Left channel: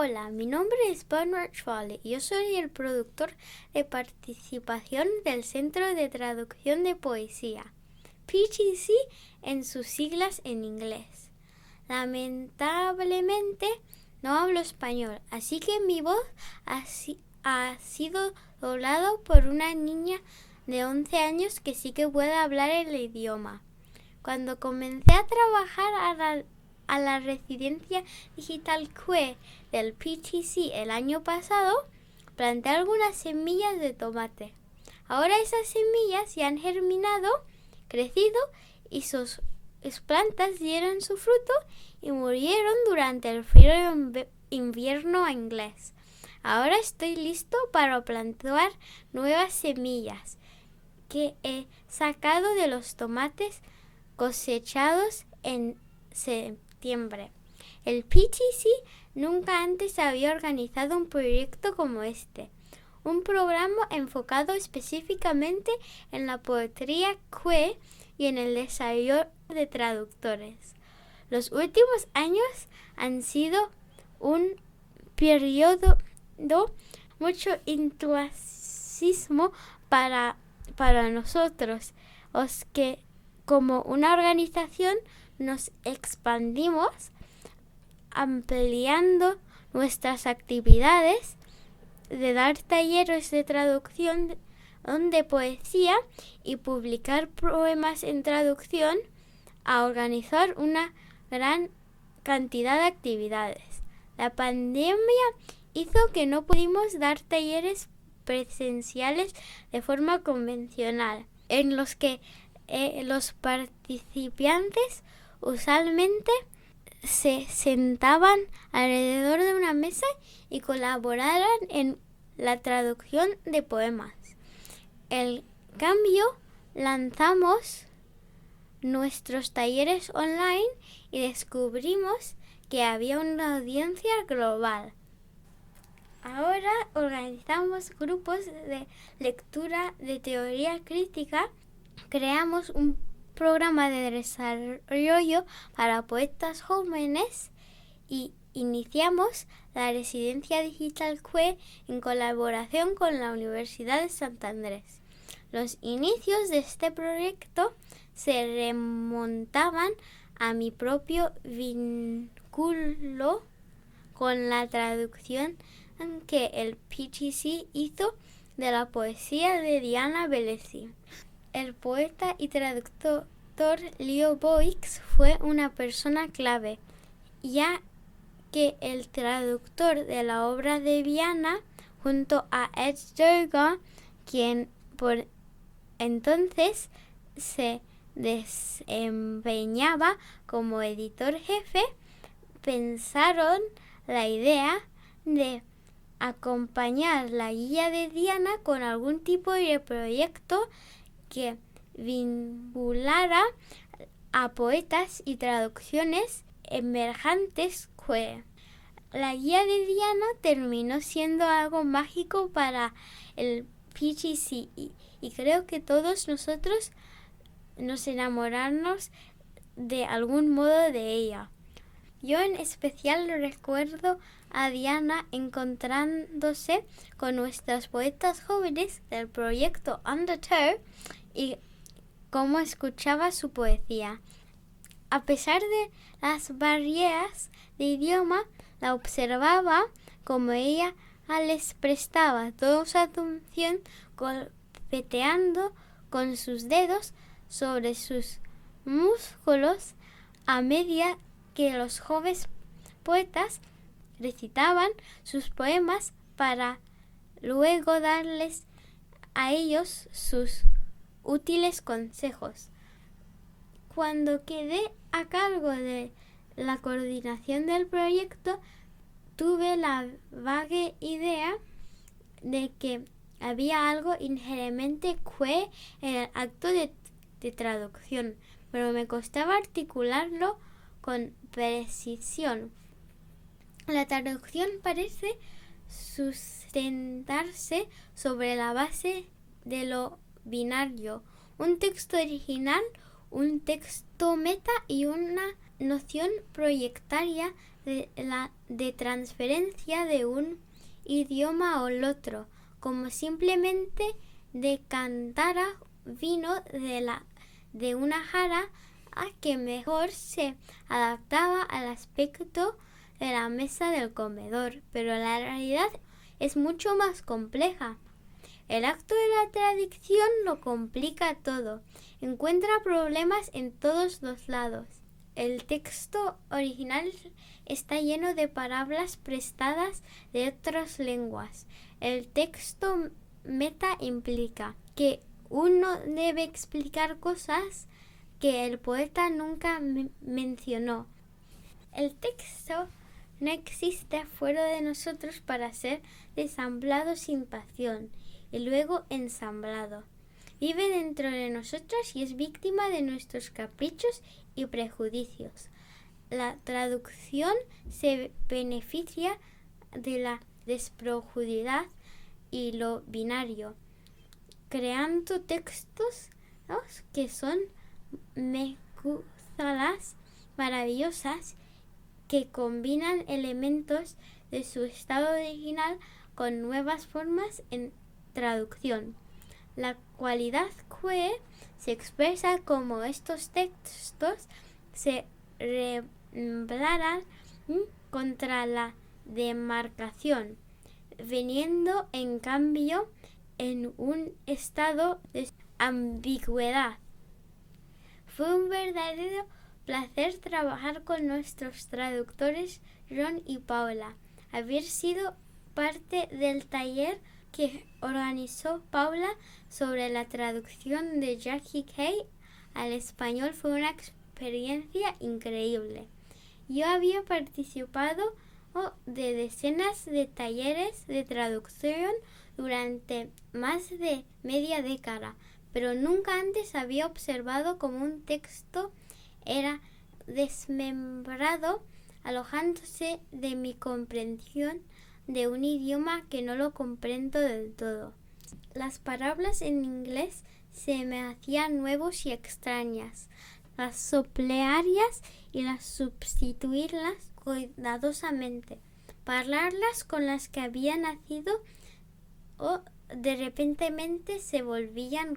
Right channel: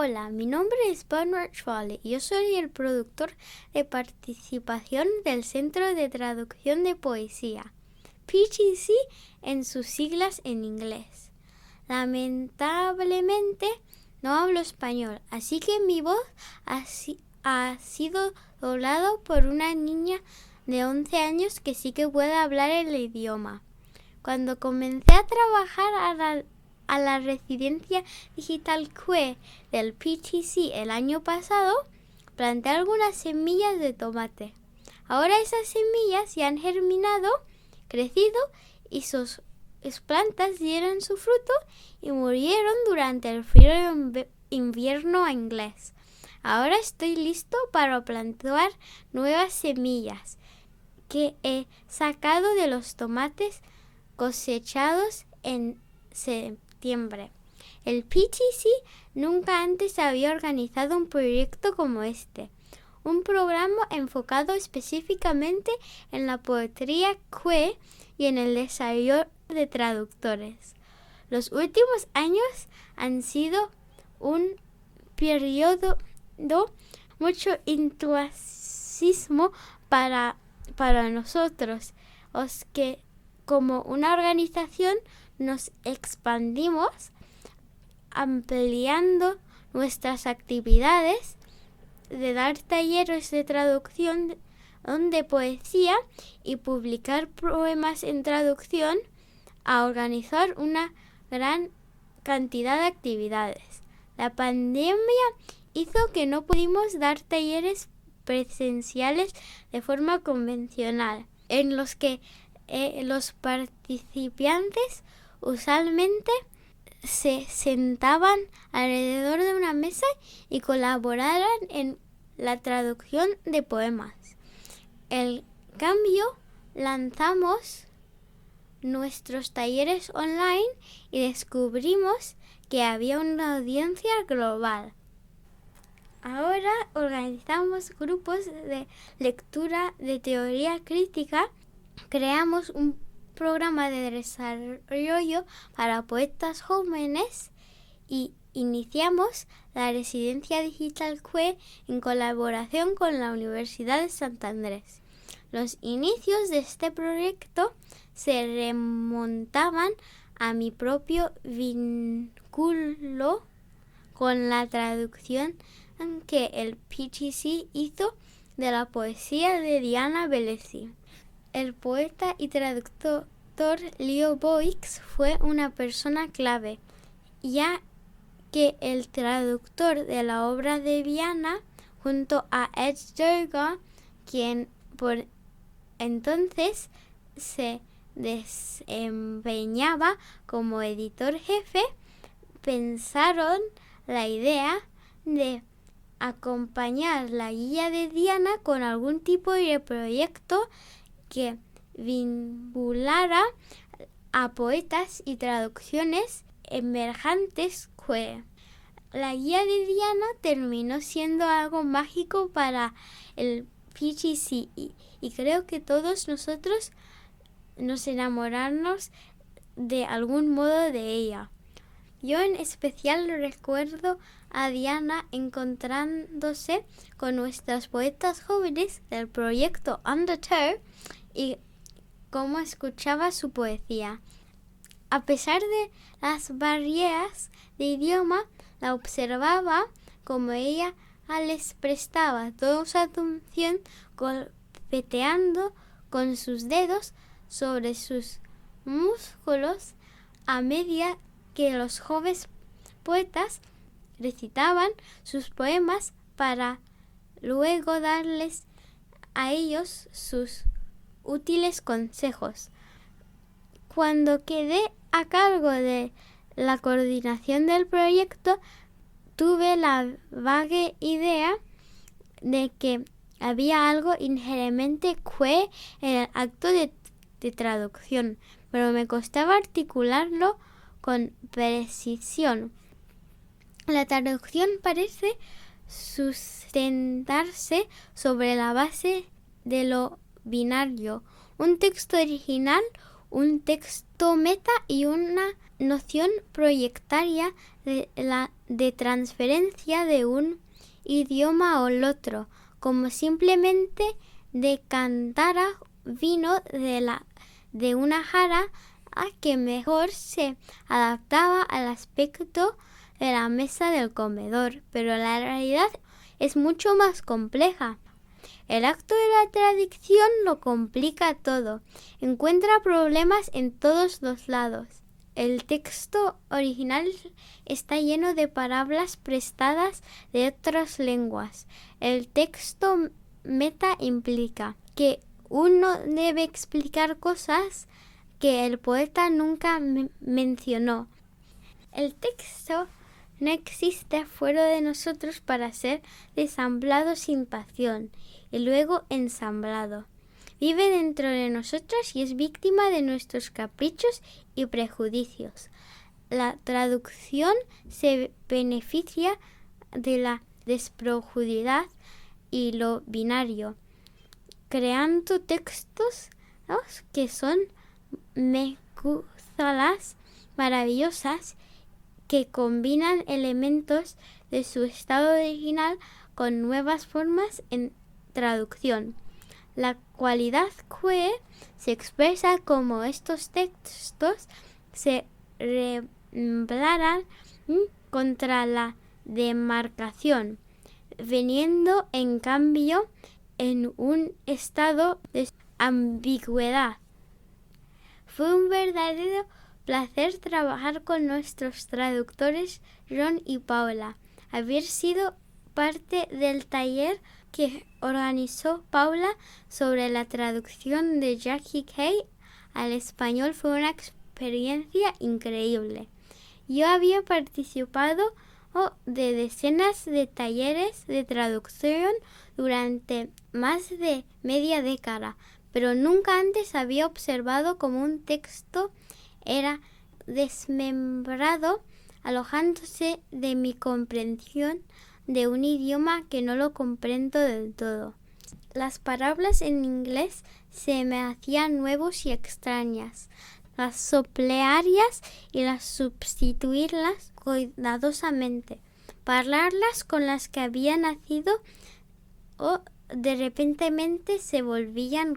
Hola, mi nombre es Bernard Schwale y yo soy el productor de participación del Centro de Traducción de Poesía, PTC en sus siglas en inglés. Lamentablemente no hablo español, así que mi voz ha sido doblado por una niña de 11 años que sí que puede hablar el idioma. Cuando comencé a trabajar a la residencia digital CUE del PTC el año pasado, planté algunas semillas de tomate. Ahora esas semillas ya han germinado, crecido y sus plantas dieron su fruto y murieron durante el frío invierno inglés. Ahora estoy listo para plantar nuevas semillas que he sacado de los tomates cosechados en septiembre. El PTC nunca antes había organizado un proyecto como este, un programa enfocado específicamente en la poesía CUE y en el desarrollo de traductores. Los últimos años han sido un periodo de mucho entusiasmo para nosotros, los que como una organización nos expandimos ampliando nuestras actividades de dar talleres de traducción de poesía y publicar poemas en traducción a organizar una gran cantidad de actividades. La pandemia hizo que no pudimos dar talleres presenciales de forma convencional, en los que los participantes usualmente se sentaban alrededor de una mesa y colaboraran en la traducción de poemas. En cambio, lanzamos nuestros talleres online y descubrimos que había una audiencia global. Ahora organizamos grupos de lectura de teoría crítica, creamos un programa de desarrollo para poetas jóvenes y iniciamos la residencia digital CUE en colaboración con la Universidad de Santander. Los inicios de este proyecto se remontaban a mi propio vínculo con la traducción que el PTC hizo de la poesía de Diana Velesi. El poeta y traductor Leo Boix fue una persona clave, ya que el traductor de la obra de Diana, junto a Ed Durga, quien por entonces se desempeñaba como editor jefe, pensaron la idea de acompañar la guía de Diana con algún tipo de proyecto que vinculara a poetas y traducciones emergentes CUE. La guía de Diana terminó siendo algo mágico para el PTC y creo que todos nosotros nos enamoramos de algún modo de ella. Yo en especial recuerdo a Diana encontrándose con nuestras poetas jóvenes del proyecto Undertow y cómo escuchaba su poesía. A pesar de las barreras de idioma, la observaba como ella les prestaba toda su atención, golpeteando con sus dedos sobre sus músculos a medida que los jóvenes poetas recitaban sus poemas para luego darles a ellos sus útiles consejos. Cuando quedé a cargo de la coordinación del proyecto, tuve la vaga idea de que había algo inherentemente CUE en el acto de traducción, pero me costaba articularlo con precisión. La traducción parece sustentarse sobre la base de lo binario, un texto original, un texto meta y una noción proyectaria de transferencia de un idioma al otro, como simplemente decantara vino de una jarra a que mejor se adaptaba al aspecto de la mesa del comedor, pero la realidad es mucho más compleja. El acto de la traducción lo complica todo, encuentra problemas en todos los lados. El texto original está lleno de palabras prestadas de otras lenguas. El texto meta implica que uno debe explicar cosas que el poeta nunca mencionó. El texto no existe fuera de nosotros para ser desamblado sin pasión y luego ensamblado. Vive dentro de nosotros y es víctima de nuestros caprichos y prejuicios. La traducción se beneficia de la desprofundidad y lo binario, creando textos que son mezclas maravillosas que combinan elementos de su estado original con nuevas formas en traducción. La cualidad que se expresa como estos textos se rebelaran contra la demarcación, veniendo en cambio en un estado de ambigüedad. Fue un verdadero placer trabajar con nuestros traductores Ron y Paula. Haber sido parte del taller que organizó Paula sobre la traducción de Jackie Kay al español fue una experiencia increíble. Yo había participado de decenas de talleres de traducción durante más de media década, pero nunca antes había observado cómo un texto era desmembrado, alojándose de mi comprensión de un idioma que no lo comprendo del todo. Las palabras en inglés se me hacían nuevos y extrañas. Las soplearias y las sustituirlas cuidadosamente. Parlarlas con las que había nacido de repentemente se volvían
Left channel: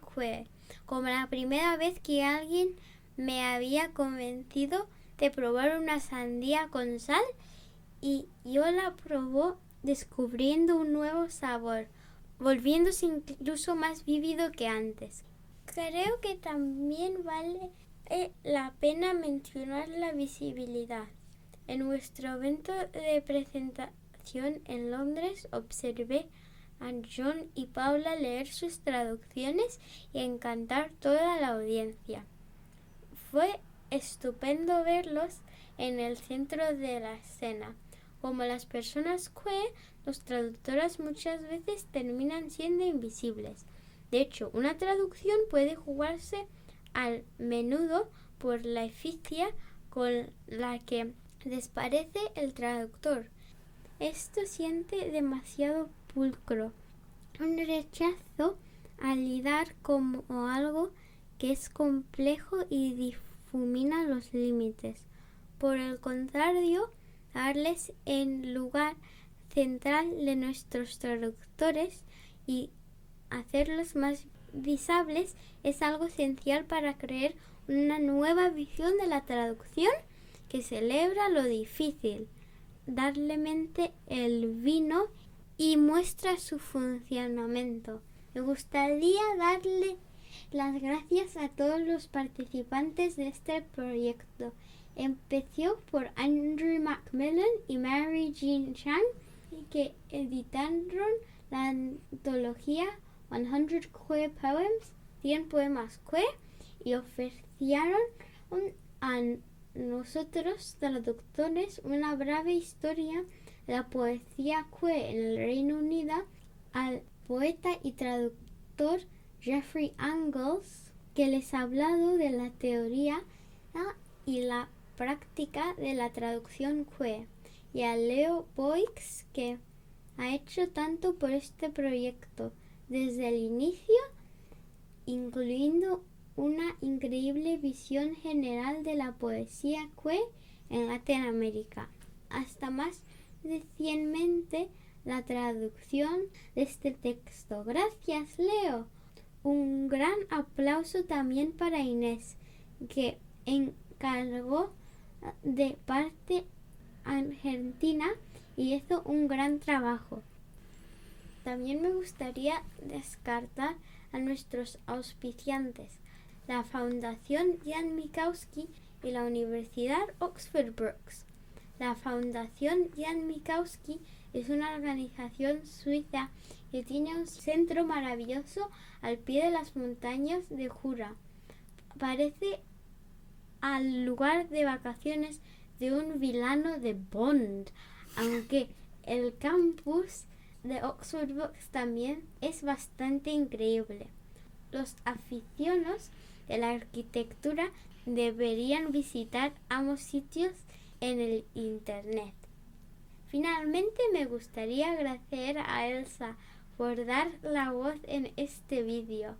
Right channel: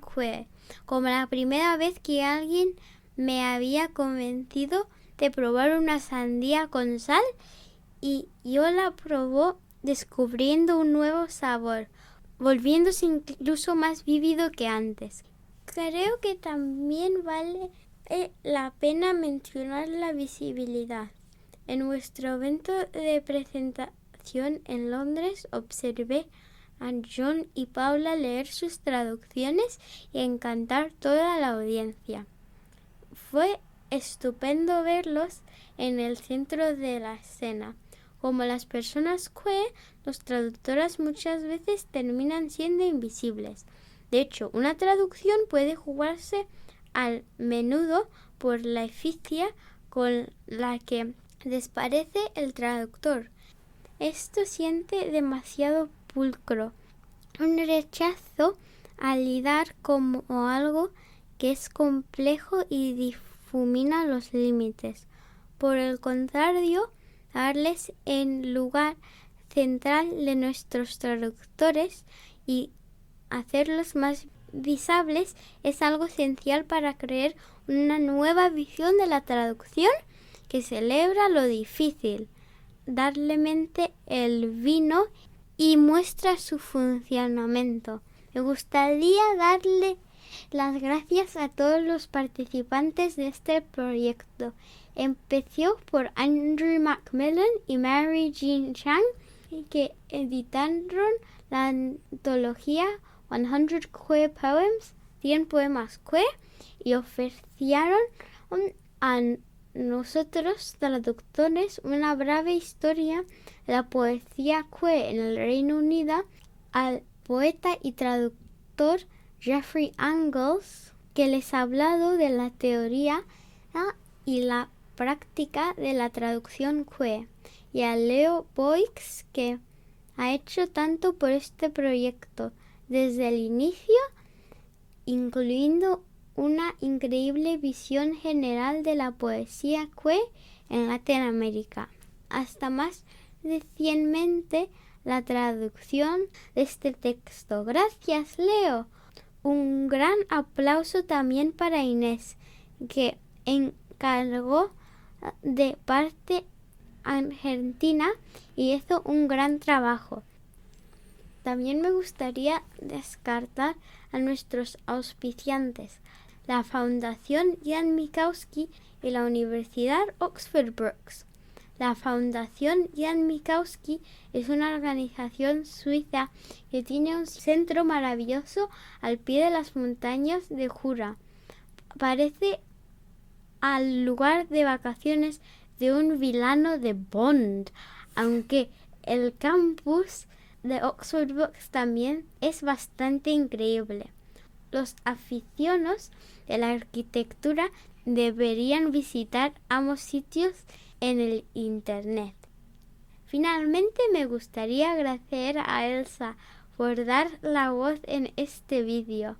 como la primera vez que alguien me había convencido de probar una sandía con sal y yo la probó descubriendo un nuevo sabor, volviéndose incluso más vívido que antes. Creo que también vale la pena mencionar la visibilidad. En nuestro evento de presentación en Londres observé a John y Paula leer sus traducciones y encantar toda la audiencia. Fue estupendo verlos en el centro de la escena. Como las personas los traductoras muchas veces terminan siendo invisibles. De hecho, una traducción puede jugarse al menudo por la eficacia con la que desparece el traductor. Esto siente demasiado pulcro, un rechazo a lidiar como algo que es complejo y difumina los límites. Por el contrario, darles el lugar central de nuestros traductores y hacerlos más visibles es algo esencial para crear una nueva visión de la traducción que celebra lo difícil, darle mente el vino y muestra su funcionamiento. Me gustaría darle las gracias a todos los participantes de este proyecto. Empezó por Andrew Macmillan y Mary Jean Chang, que editaron la antología 100 Queer Poems, 100 poemas queer, y ofrecieron a nosotros, traductores, una breve historia de la poesía queer en el Reino Unido al poeta y traductor Jeffrey Angles, que les ha hablado de la teoría y la práctica de la traducción queer, y a Leo Boix, que ha hecho tanto por este proyecto desde el inicio, incluyendo una increíble visión general de la poesía que en Latinoamérica. Hasta más recientemente la traducción de este texto. Gracias, Leo. Un gran aplauso también para Inés, que encargó de parte argentina y hizo un gran trabajo. También me gustaría descartar a nuestros auspiciantes, la Fundación Jan Mikowski y la Universidad Oxford Brookes. La Fundación Jan Mikowski es una organización suiza que tiene un centro maravilloso al pie de las montañas de Jura. Parece al lugar de vacaciones de un villano de Bond, aunque el campus de Oxford Brookes también es bastante increíble. Los aficionados de la arquitectura deberían visitar ambos sitios en el internet. Finalmente me gustaría agradecer a Elsa por dar la voz en este vídeo.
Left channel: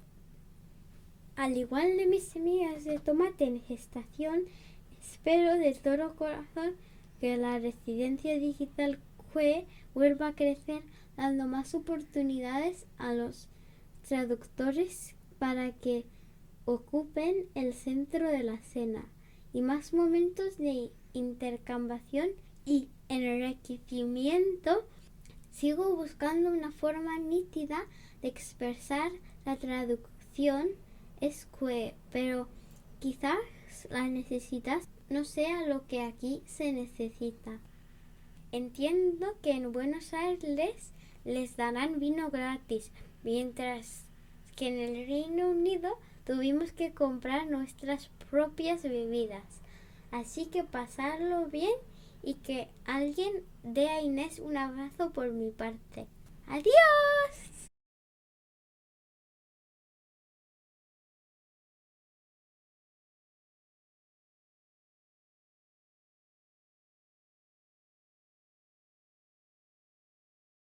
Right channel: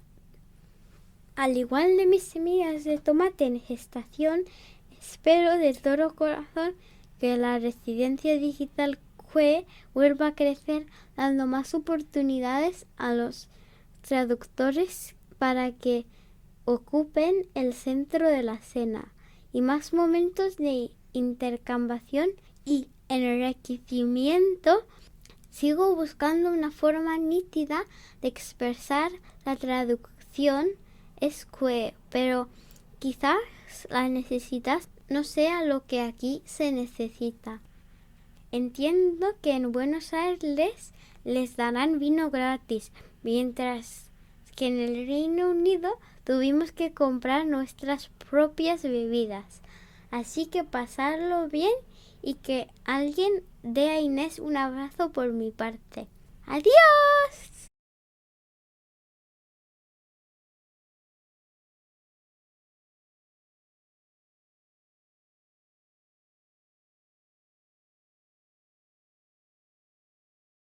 Al igual de mis semillas de tomate en gestación, espero de todo corazón que la residencia digital QUE vuelva a crecer, dando más oportunidades a los traductores para que ocupen el centro de la escena y más momentos de intercambiación y enriquecimiento. Sigo buscando una forma nítida de expresar la traducción QUE, pero quizás la necesidad no sea lo que aquí se necesita. Entiendo que en Buenos Aires les darán vino gratis, mientras que en el Reino Unido tuvimos que comprar nuestras propias bebidas. Así que pasarlo bien y que alguien dé a Inés un abrazo por mi parte. ¡Adiós!